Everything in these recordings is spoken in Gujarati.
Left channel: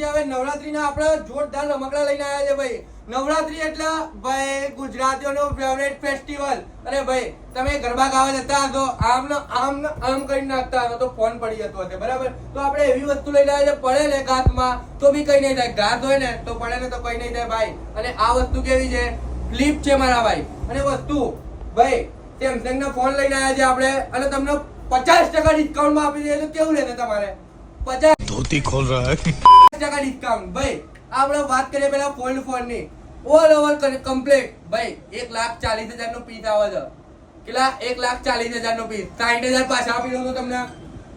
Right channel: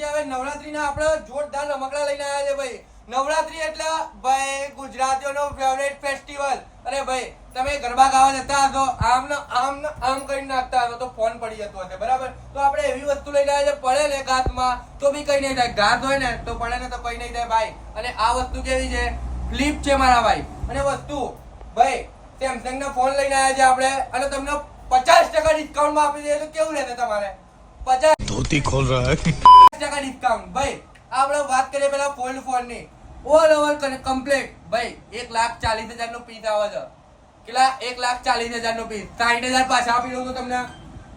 છે હવે નવરાત્રીના આપણે જોરદાર રમકડા લઈને આવ્યા છે ભાઈ. નવરાત્રી એટલે ભાઈ ગુજરાતીઓનો ફેવરેટ ફેસ્ટિવલ. અરે ભાઈ તમે ગરબા ગાવા જતા હશો, આમ ને આમ ને આમ કરી નાખતા હશો તો ફોન પડી જતો હશે, બરાબર? તો આપણે એવી વસ્તુ લઈને આવ્યા છે, પડે ને ઘાતમાં તો બી કઈ નહીં થાય, ઘાત હોય ને તો પડે ને તો કઈ નહીં થાય ભાઈ. અને આ વસ્તુ કેવી છે? ફ્લિપ છે મારા ભાઈ. અને વસ્તુ ભાઈ સેમસંગ નો ફોન લઈને આવ્યા છે આપણે, અને તમને 50% ડિસ્કાઉન્ટમાં આપી દઈએ તો કેવું રહેશે તમારે? 50 ધોતી ખોલ રહા હૈ 50% ડિસ્કાઉન્ટ ભાઈ. આપણે વાત કરીએ પેલા ફોલ્ડ ફોન ની, ઓલ ઓવર કમ્પ્લીટ ભાઈ 1,40,000 નો પીસ આવે છે. કેટલા? 1,40,000 નો પીસ. 60,000 પાછા આપી દઉં તો તમને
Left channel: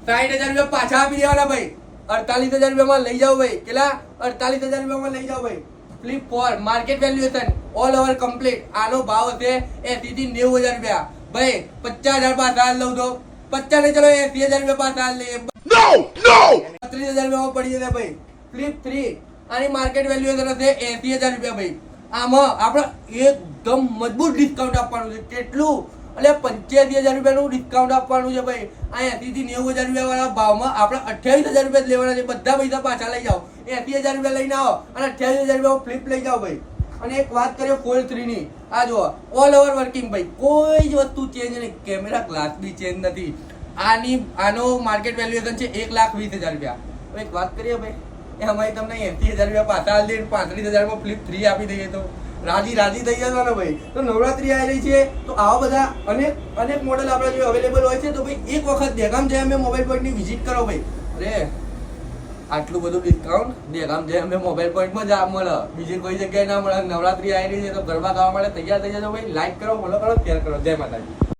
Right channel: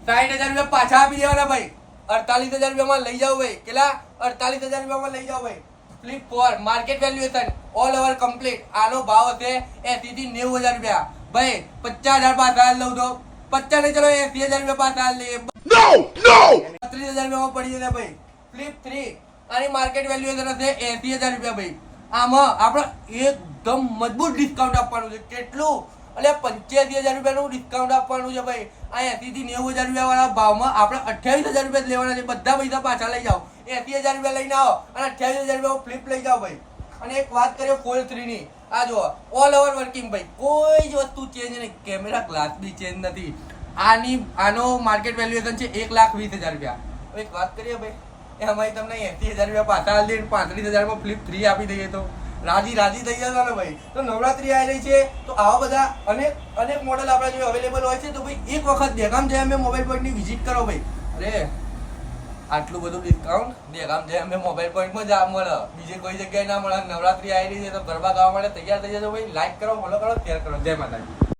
60,000 રૂપિયા પાછા આપી દેવાના ભાઈ. 48,000 રૂપિયામાં લઈ જાઓ ભાઈ. કેટલા? 48,000 રૂપિયામાં લઈ જાઓ ભાઈ. Flip 4 market valuation all over complete. આનો ભાવ હશે 80 થી 90,000 રૂપિયા ભાઈ. 50,000 પાછા લઉં તો 50 ને ચલો 80,000 રૂપિયા પાછા લઈએ. 30,000 રૂપિયામાં પડી જશે ભાઈ. ફ્લિપ 3 આની માર્કેટ વેલ્યુએશન હશે 80,000 રૂપિયા ભાઈ. આમાં આપણે એકદમ મજબૂત ડિસ્કાઉન્ટ આપવાનું છે. કેટલું? એટલે 85,000 રૂપિયાનું ડિસ્કાઉન્ટ આપવાનું છે ભાઈ. આ 80 થી 90,000 રૂપિયા વાળા ભાવમાં આપણે 28,000 રૂપિયા લેવાના છે. બધા પૈસા પાછા લઈ જાઓ. 80,000 રૂપિયા લઈને આવો અને 28,000 રૂપિયા ફ્લિપ લઈ જાઓ ભાઈ. અને એક વાત કરીએ ફોલ્ડ 3 ની, આ જુઓ ઓલ ઓવર વર્કિંગ ભાઈ, કોઈ જ વસ્તુ ચેન્જ નહીં, કેમેરા ગ્લાસ બી ચેન્જ નથી. આનો માર્કેટ વેલ્યુએશન છે 1,20,000 રૂપિયા. એક વાત કરીએ ભાઈ, એમાં તમને 80,000 રૂપિયા પાછા આપી દઈએ, 35,000 માં ફ્લિપ 3 આપી દઈએ તો રાજી થઈ જવાનો ભાઈ. તો નવરાત્રી આવી રહી છે તો આવા બધા અનેક મોડેલ આપણા જોડે અવેલેબલ હોય છે. તો ભાઈ એક વખત દેગામ જઈ અમે મોબાઈલ પોઈન્ટની વિઝિટ કરો ભાઈ. અરે આટલું બધું ડિસ્કાઉન્ટ દેગામ જઈ અમે મોબાઈલ પોઈન્ટમાં જ મળે, બીજી કોઈ જગ્યાએ ના મળે. નવરાત્રી આવી રહી છે તો ગરબા ગાવા માટે તૈયાર થઈ જજો ભાઈ. લાઈક કરો, ફોલો કરો, શેર કરો. જય માતાજી.